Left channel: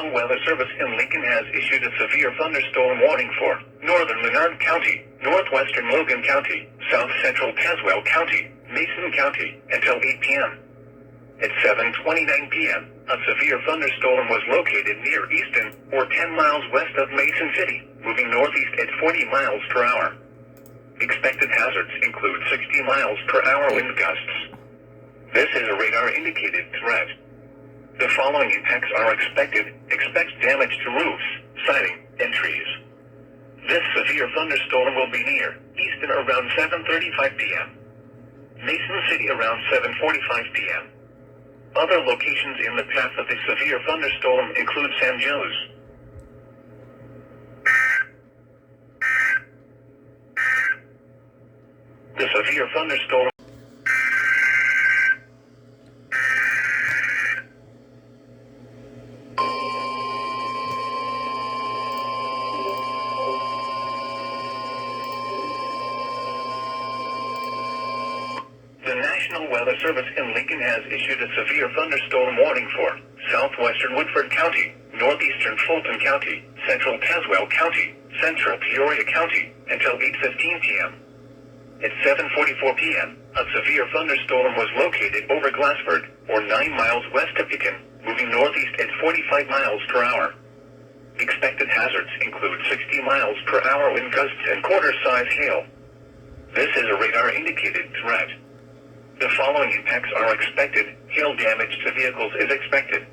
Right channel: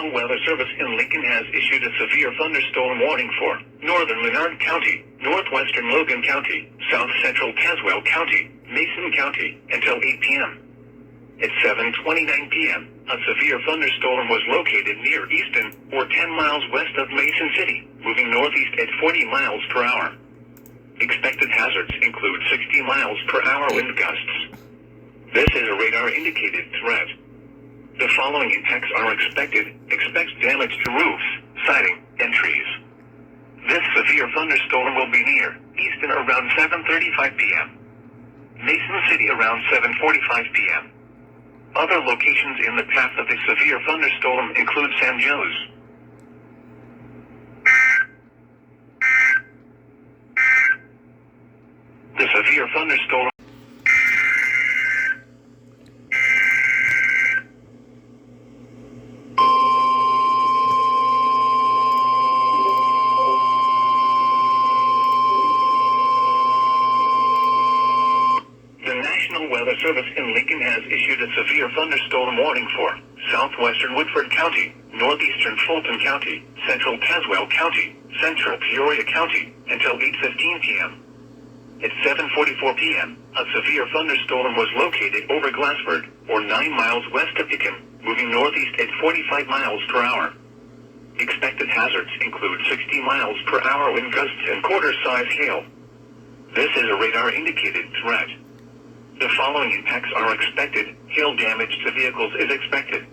National Weather Service in Lincoln has issued a severe thunderstorm warning for northern Menard County, northwestern Logan County, south central Tazewell County, Mason County, until 8 p.m. At 7:29 p.m., a severe thunderstorm was located near Easton, or 10 miles west of Mason City, moving northeast at 40 miles per hour. Expected hazards include 60 miles per hour wind gusts. This is a radar-indicated threat. The following impacts are expected. Expect damage to roofs, siding, and trees. This severe thunderstorm will be near Easton around 7:35 p.m. Mason City around 7:45 p.m. Other locations in the path of the severe thunderstorm include San Jose. The severe thunderstorm. The National Weather Service in Lincoln has issued a severe thunderstorm warning for southwestern Woodford County, northeastern Fulton County, central Tazewell County, central Peoria County, until 8:15 p.m. At 7:44 p.m., a severe thunderstorm was located over Glassford, or 9 miles west of Pekin, moving northeast at 45 miles per hour. Expected hazards include 60 miles per hour wind gusts and quarter-size hail. This is a radar-indicated threat. The following impacts are expected. Hail damage to vehicles is expected.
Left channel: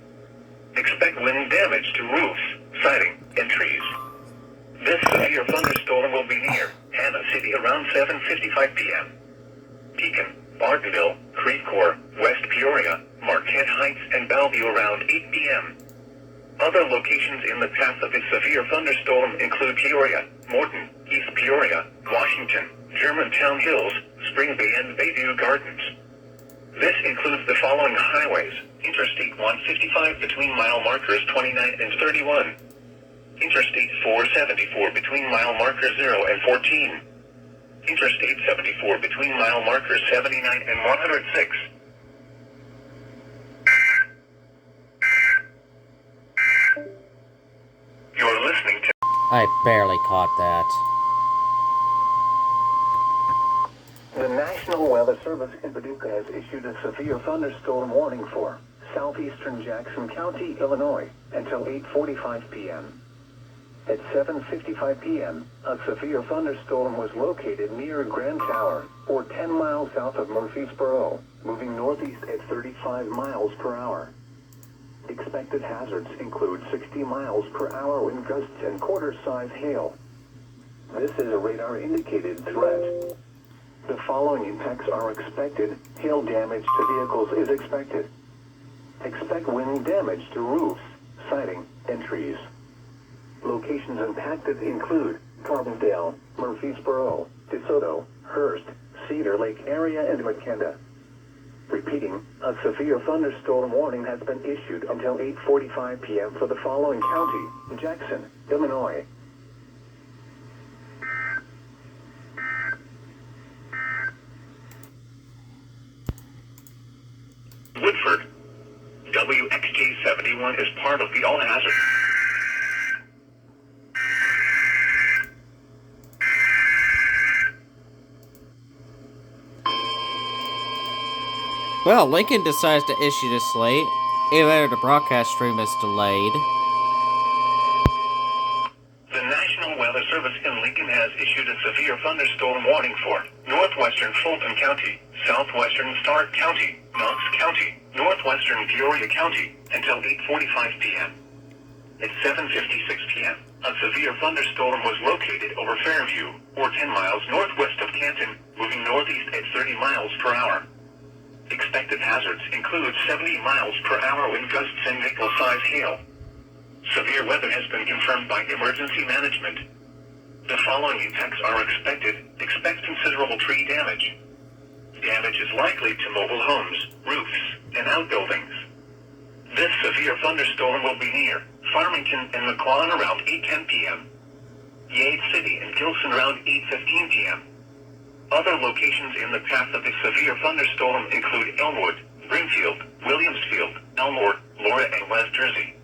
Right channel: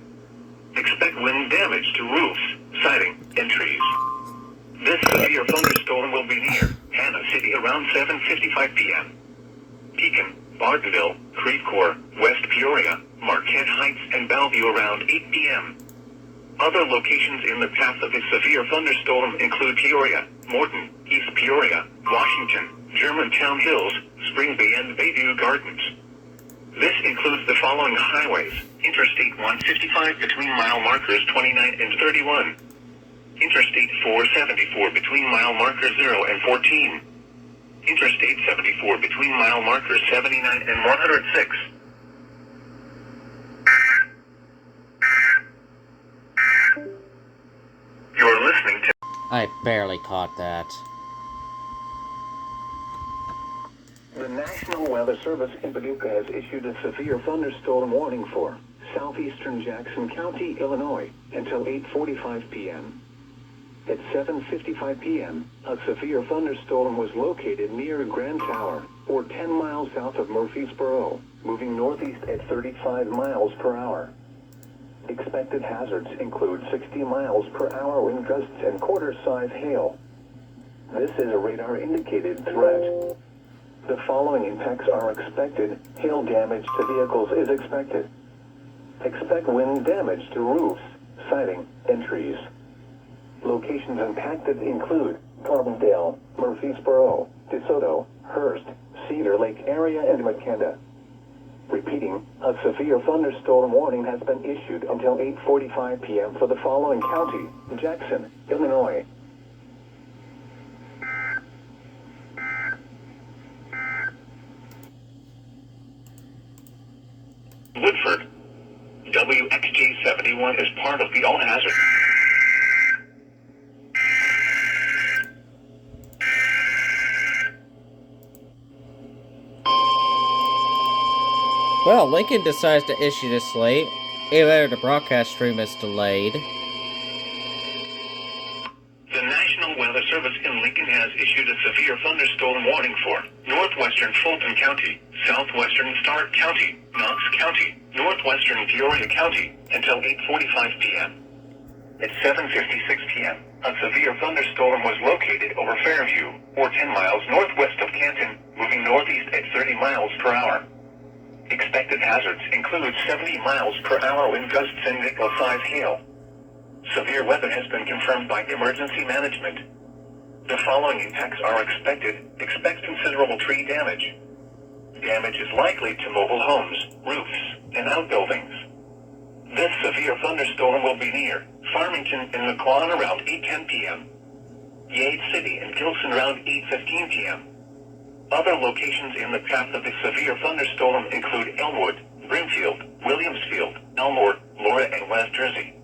Expect wind damage to roofs, siding, and trees. This severe thunderstorm will be near Hannah City around 7:55 p.m. Pekin, Bartonville, Creve Coeur, West Peoria, Marquette Heights, and Bellevue around 8 p.m. Other locations in the path of the severe thunderstorm include Peoria, Morton, East Peoria, Washington, Germantown Hills, Spring Bay, and Bayview Gardens. This includes the following highways: Interstate 155 between mile markers 29 and 31. Interstate 474 between mile markers 0 and 14. Interstate 74 between mile markers 79 and 106. You're listening to... I barely caught that. The National Weather Service in Paducah has issued a severe thunderstorm warning for southeastern Jackson County, Illinois, until 8:45 p.m. At 7:55 p.m., a severe thunderstorm was located near Grand Tower, or 10 miles south of Murfreesboro, moving northeast at 35 miles per hour. Expected hazards include 60 miles per hour wind gusts and quarter-size hail. This is a radar-indicated threat. The following impacts are expected. Hail damage to vehicles is expected. Expect wind damage to roofs, siding, and trees. Locations impacted include Carbondale, Murfreesboro, DeSoto, Hearst, Cedar Lake area, and McKenna. Repeating, a severe thunderstorm warning has been issued until 8:45 p.m. for the following county: Jackson, Illinois. Woodford. WXJ71 is part of the all-hazard. Well, Lincoln decides to issue this late, even though the broadcast stream is delayed. The National Weather Service in Lincoln has issued a severe thunderstorm warning for northwestern Fulton County, southwestern Stark County, Knox County, northwestern Peoria County, until 8:45 p.m. At 7:56 p.m., a severe thunderstorm was located over Fairview, or 10 miles northwest of Canton, moving northeast at 30 miles per hour. Expected hazards include 70 miles per hour wind gusts and nickel-size hail. Severe weather has been confirmed by emergency management. The following impacts are expected. Expect considerable tree damage. Damage is likely to mobile homes, roofs, and outbuildings. This severe thunderstorm will be near Farmington and McQuon around 8:10 p.m. Yates City and Gilson around 8:15 p.m. Other locations in the path of the severe thunderstorm include Elmwood, Brimfield, Williamsfield, Elmore, Laura, and West Jersey.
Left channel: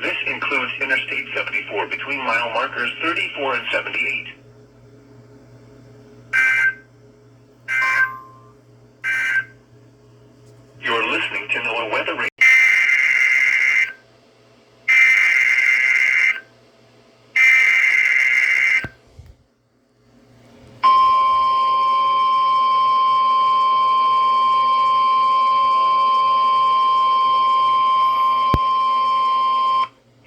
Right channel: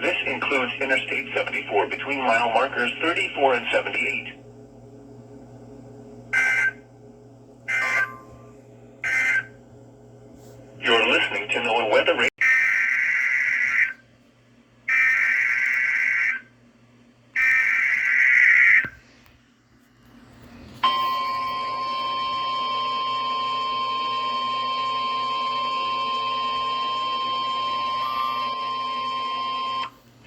This includes Interstate 74 between mile markers 34 and 78. You're listening to NOAA Weather Radio.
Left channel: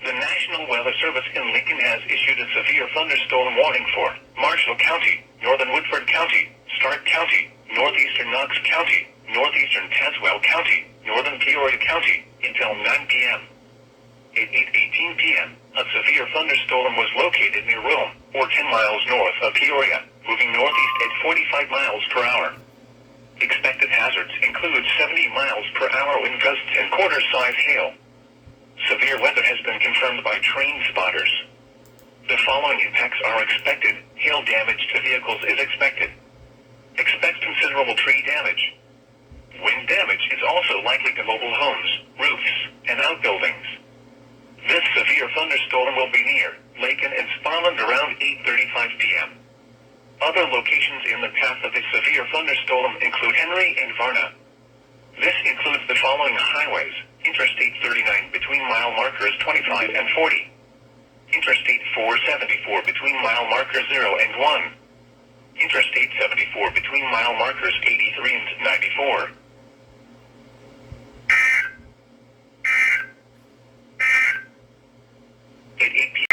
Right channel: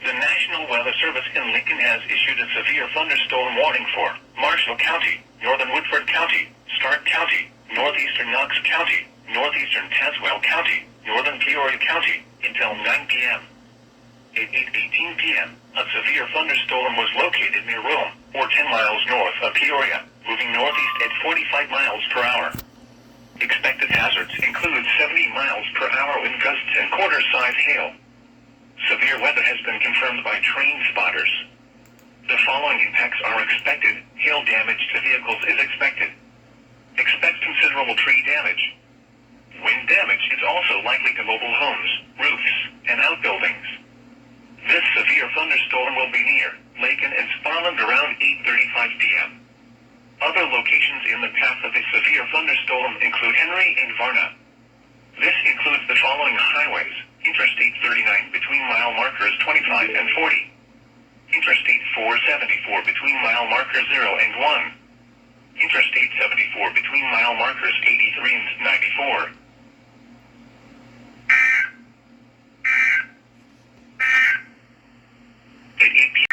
The National Weather Service in Lincoln has issued a severe thunderstorm warning for Marshall County, Northern Woodford County, Stark County, Northeastern Knox County, Northeastern Tazewell County, Northern Peoria County, until 9 p.m. At 8:18 p.m., a severe thunderstorm was located near Rome, or 10 miles north of Peoria, moving northeast at 45 miles per hour. Expected hazards include 70 miles per hour wind gusts and quarter-size hail. Severe weather has been confirmed by train spotters. The following impacts are expected. Hail damage to vehicles is expected. Expect considerable tree damage. Wind damage is also likely to mobile homes, roofs, and outbuildings. This severe thunderstorm will be near Lakin and Sparland around 8:35 p.m. Other locations in the path of the severe thunderstorm include Henry and Varna. This includes the following highways: Interstate 39 between mile markers 25 and 40. Interstate 474 between mile markers 0 and 1. Interstate 74 between mile markers 83 and 94. At 8 p.m.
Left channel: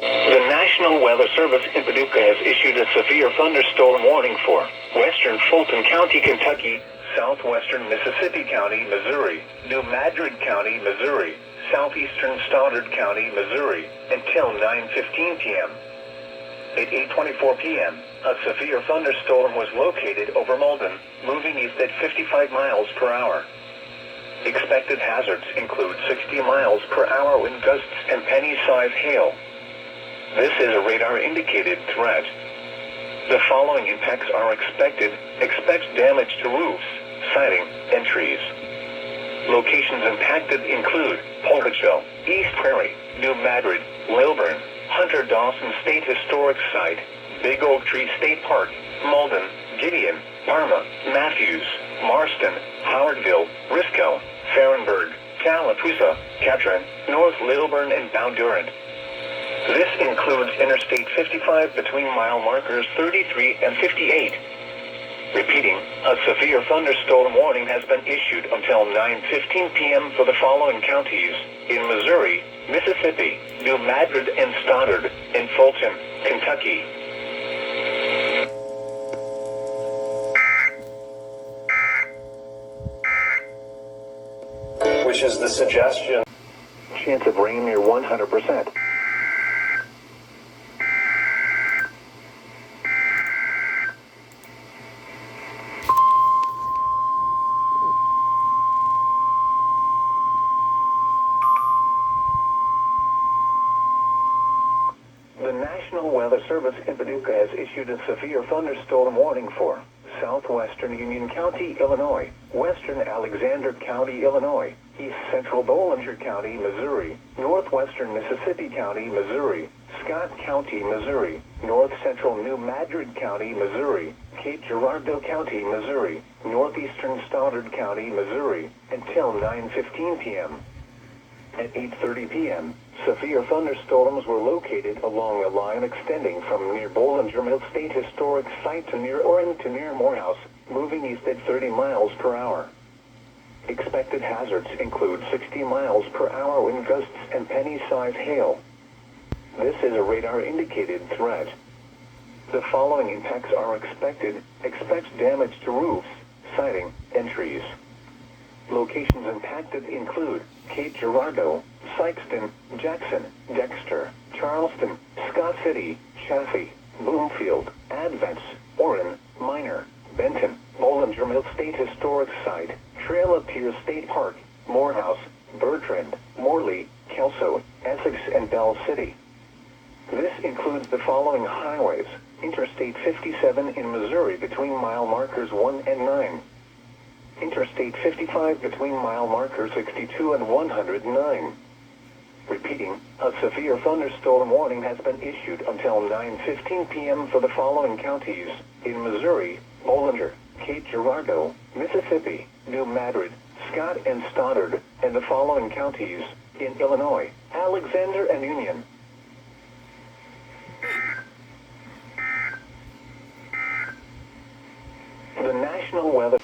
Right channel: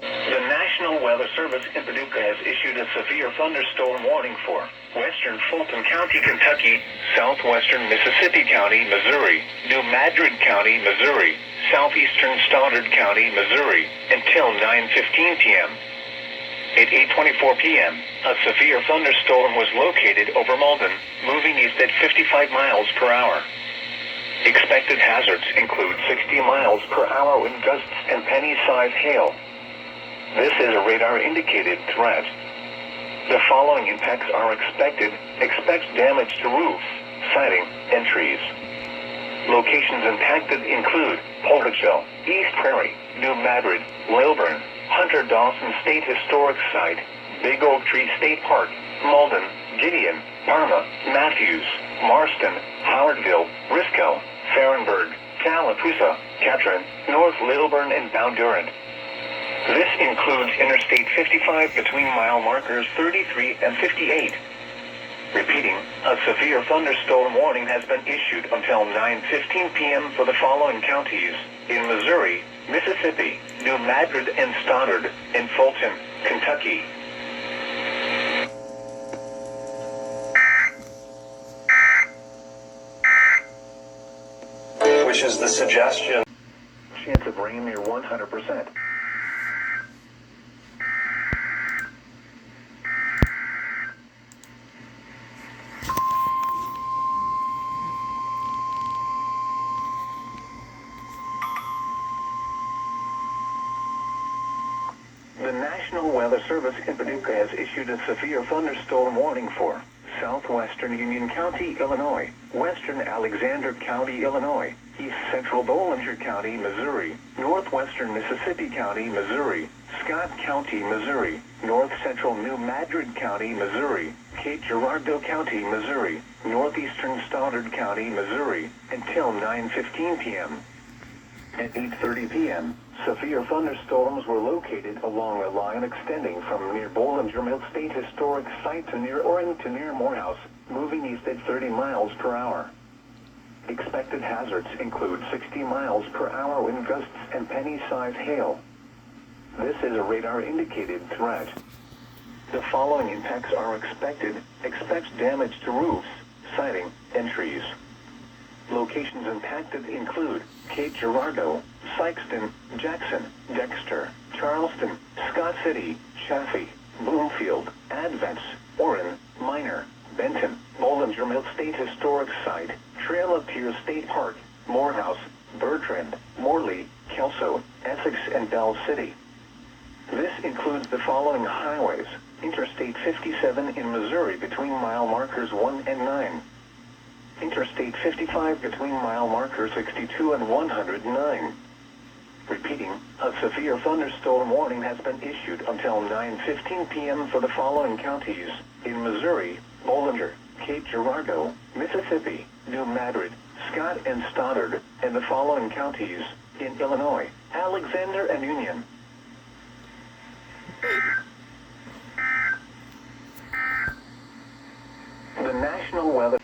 The National Weather Service in Paducah has issued a severe thunderstorm warning for western Fulton County, Kentucky, southwestern Mississippi County, Missouri, New Madrid County, Missouri, southeastern Stoddard County, Missouri, until 9:15 p.m. At 8:24 p.m., a severe thunderstorm was located over Malden, moving east at 55 miles per hour. Expected hazards include 60 miles per hour wind gusts and penny-sized hail. This is a radar-indicated threat. The following impacts are expected. Expect damage to roofs, siding, and trees. Locations impacted include Portage-Hill, East Prairie, New Madrid, Lilburn, Hunter Dawson State Historic Site, Big Oak Tree State Park, Malden, Gideon, Parma, Matthews, Marston, Howardville, Risco, Farrenburg, Tallapoosa, Ketron, North Lilburn, and Bondurant. This includes Interstate 55 between mile markers 33 and 58. Repeating, a severe thunderstorm warning has been issued until 9:15 p.m. for the following counties: in Missouri, Mississippi, New Madrid and Stoddard, and Fulton, Kentucky. Which is the suggestion. Chance of rain near 100%. The National Weather Service in Paducah has issued a severe thunderstorm warning for southwestern Union County, Illinois, western Alexander County, Illinois, east central Bollinger County, Missouri, northwestern Mississippi County, Missouri, Scott County, Missouri, north central New Madrid County, Missouri, Cape Girardeau County, Missouri, northeastern Stoddard County, Missouri, until 9:15 p.m. At 8:30 p.m., severe thunderstorms were located along a line extending from near Bollinger Mill State Historic Site to near Orrington near Morehouse, moving east at 30 miles per hour. Expected hazards include 60 miles per hour wind gusts and penny-sized hail. This is a radar-indicated threat. The following impacts are expected. Expect damage to roofs, siding, and trees. Locations impacted include Cape Girardeau, Sykeston, Jackson, Dexter, Charleston, Scott City, Chaffee, Bloomfield, Advents, Orrin, Minor, Benton, Bollinger Mill State Historic Site, Trail of Tears State Park, Morehouse, Bertrand, Morley, Kelso, Essex, and Bell City. This includes the following highways: Interstate 57 in Missouri between mile markers 1 and 9. Interstate 55 between mile marker 62 and 109. Repeating, a severe thunderstorm warning has been issued until 9:15 p.m. for the following counties: in Missouri, Bollinger, Cape Girardeau, Mississippi, New Madrid, Scott and Stoddard, and the following counties: in Illinois, Alexander and Union. The National Weather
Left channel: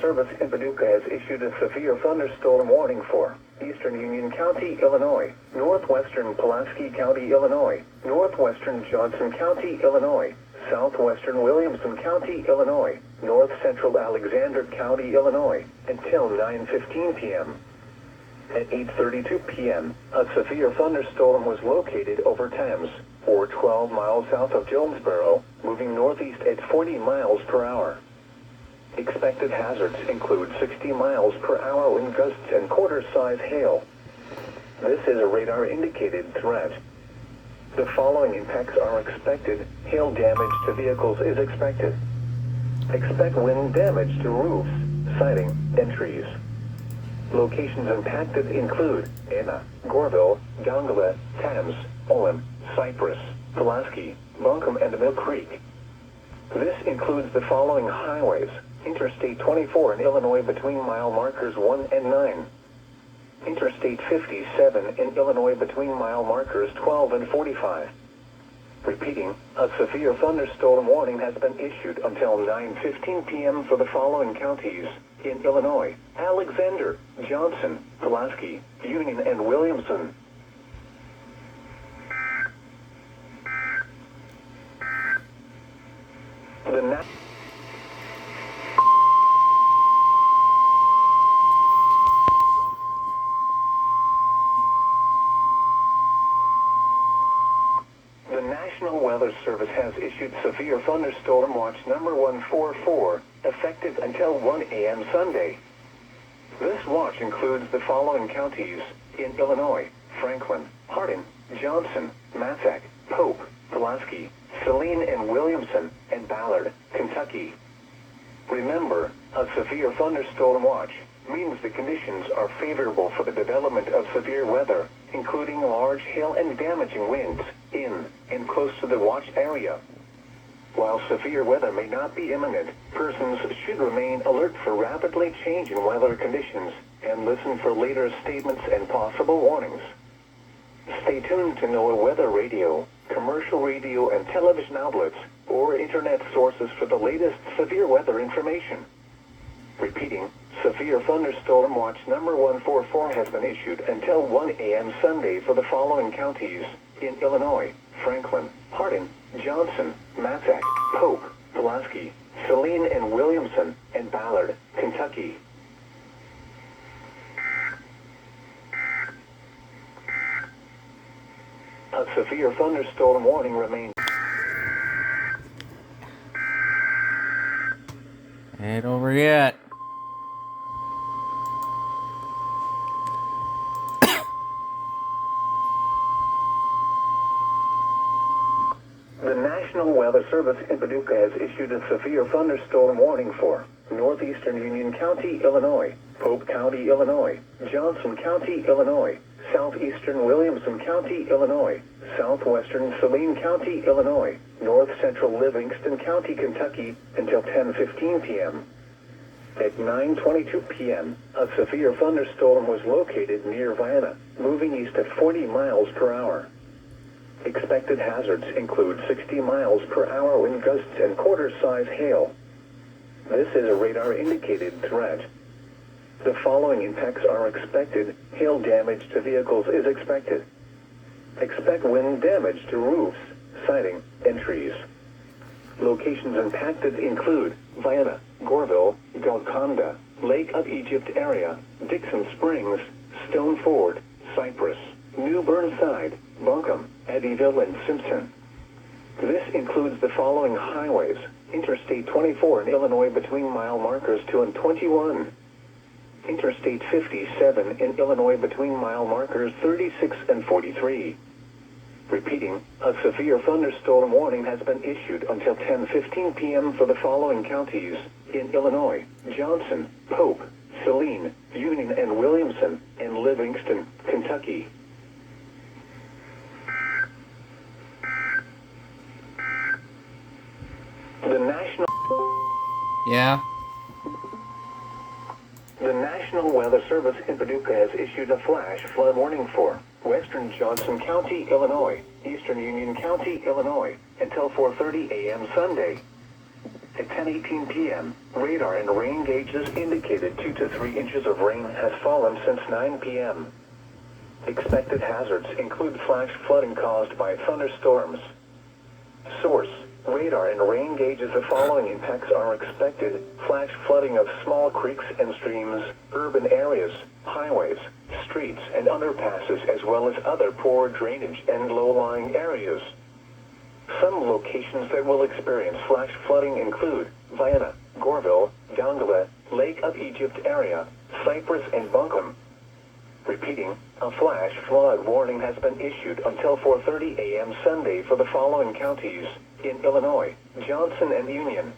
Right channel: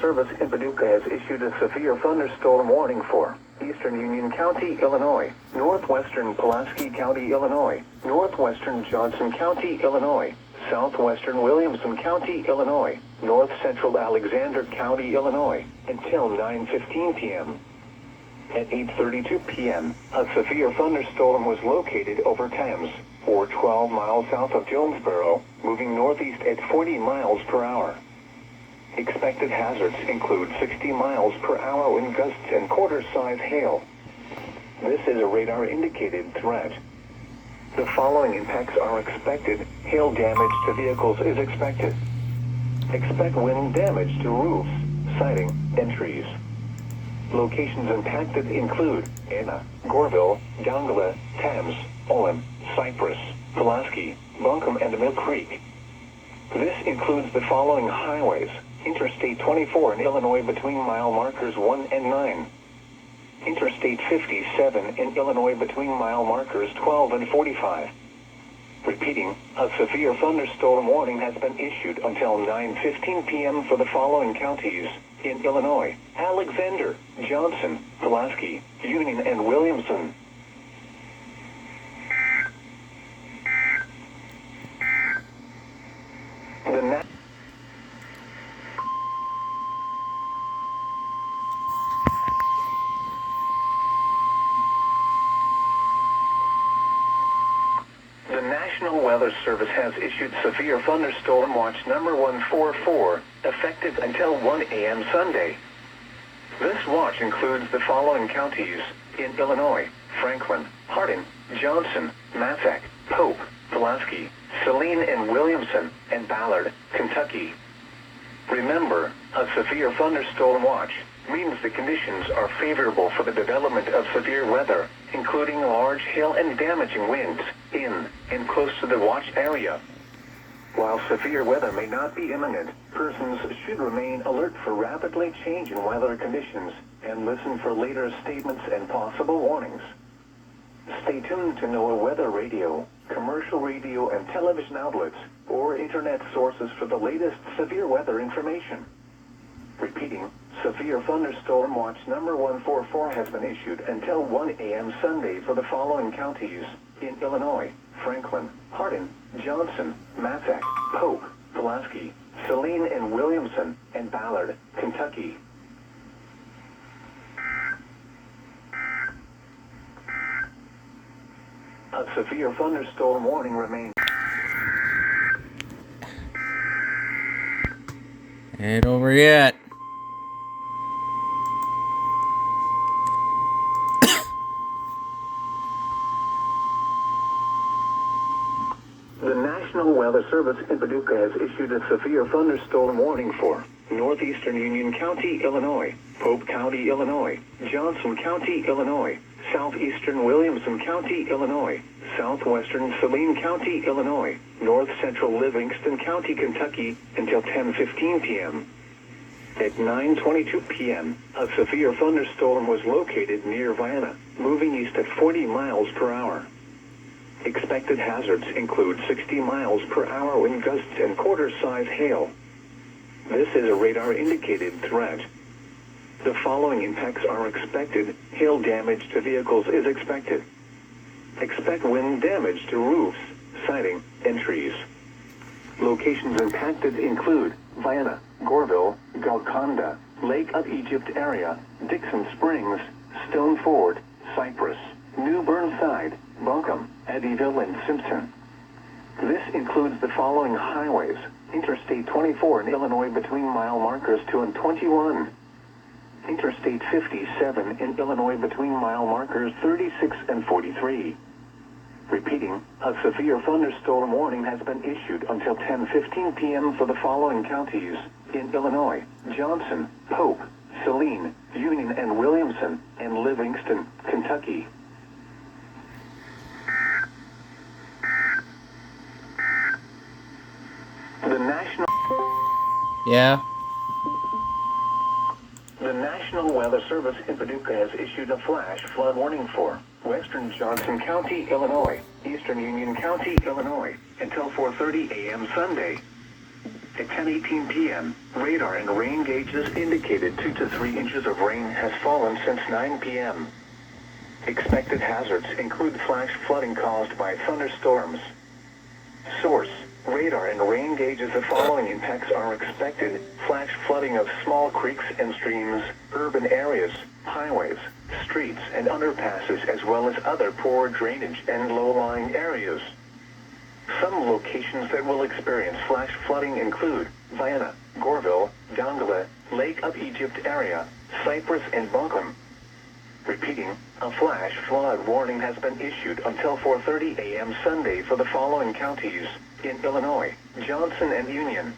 Service in Paducah has issued a severe thunderstorm warning for Eastern Union County, Illinois, Northwestern Pulaski County, Illinois, Northwestern Johnson County, Illinois, Southwestern Williamson County, Illinois, North Central Alexander County, Illinois, until 9:15 p.m. At 8:32 p.m., a severe thunderstorm was located over Thames, or 12 miles south of Jonesboro, moving northeast at 40 miles per hour. Expected hazards include 60 miles per hour wind gusts and quarter-size hail. This is a radar-indicated threat. The following impacts are expected. Hail damage to vehicles is expected. Expect wind damage to roofs, siding, and trees. Locations impacted include Anna, Goreville, Dongala, Thames, Olin, Cypress, Pulaski, Buncombe, and Mill Creek. This includes the following highways: Interstate 24 in Illinois between mile markers 1 and 9. Interstate 57 in Illinois between mile markers 12 and 45. Repeating, a severe thunderstorm warning has been issued until 9:15 p.m. for the following counties: in Illinois, Alexander, Johnson, Pulaski, Union, and Williamson. The National Weather Service has issued Severe Thunderstorm Watch number 144, effective until 1 a.m. Sunday. This watch includes the following counties: in Illinois, Franklin, Hardin, Johnson, Massac, Pope, Pulaski, Saline and Williamson, and Ballard, Kentucky. Remember, a severe thunderstorm watch means the conditions are favorable for the development of severe weather, including large hail and damaging winds, in and close to the watch area. While severe weather may not be imminent, persons should remain alert for rapidly changing weather conditions and listen for later statements and possible warnings. Stay tuned to NOAA weather radio, commercial radio and television outlets, or internet sources for the latest severe weather information. Repeating, Severe Thunderstorm Watch number 144 has been issued until 1 a.m. Sunday for the following counties: in Illinois, Franklin, Hardin, Johnson, Massac, Pope, Pulaski, Saline and Williamson, and Ballard, Kentucky. A severe thunderstorm warning remains. Ain't over yet. The National Weather Service in Paducah has issued a severe thunderstorm warning for Northeastern Union County, Illinois, Pope County, Illinois, Johnson County, Illinois, Southeastern Williamson County, Illinois, Southwestern Saline County, Illinois, North Central Livingston County, Kentucky, until 10:15 p.m. At 9:22 p.m., a severe thunderstorm was located near Vienna, moving east at 40 miles per hour. Expected hazards include 60 miles per hour wind gusts and quarter-size hail. This is a radar-indicated threat. The following impacts are expected. Hail damage to vehicles is expected. Expect wind damage to roofs, siding, and trees. Locations impacted include Vienna, Goreville, Golconda, Lake of Egypt area, Dixon Springs, Stone Ford, Cypress, New Burnside, Buncombe, Eddyville, and Simpson. This includes the following highways: Interstate 24 in Illinois between mile markers 2 and 21. Interstate 57 in Illinois between mile markers 36 and 43. Repeating, a severe thunderstorm warning has been issued until 10:15 p.m. for the following counties in Illinois: Johnson, Pope, Saline, Union and Williamson, and Livingston, Kentucky. The National Weather Service in Paducah has issued a flash flood warning for western Johnson County, Illinois, eastern Union County, Illinois, until 4:30 a.m. Sunday. At 10:18 p.m., radar and rain gauges indicated 2 to 3 inches of rain has fallen since 9 p.m. Expected hazards include flash flooding caused by thunderstorms. Source: radar and rain gauges. The following impacts are expected: flash flooding of small creeks and streams, urban areas, highways, streets and underpasses, as well as other poor drainage and low-lying areas. Some locations that will experience flash flooding include Vienna, Goreville, Dongola, Lake of Egypt area, Cypress and Buncombe. Repeating, a flash flood warning has been issued until 4:30 a.m. Sunday for the following counties in Illinois: Johnson and Union,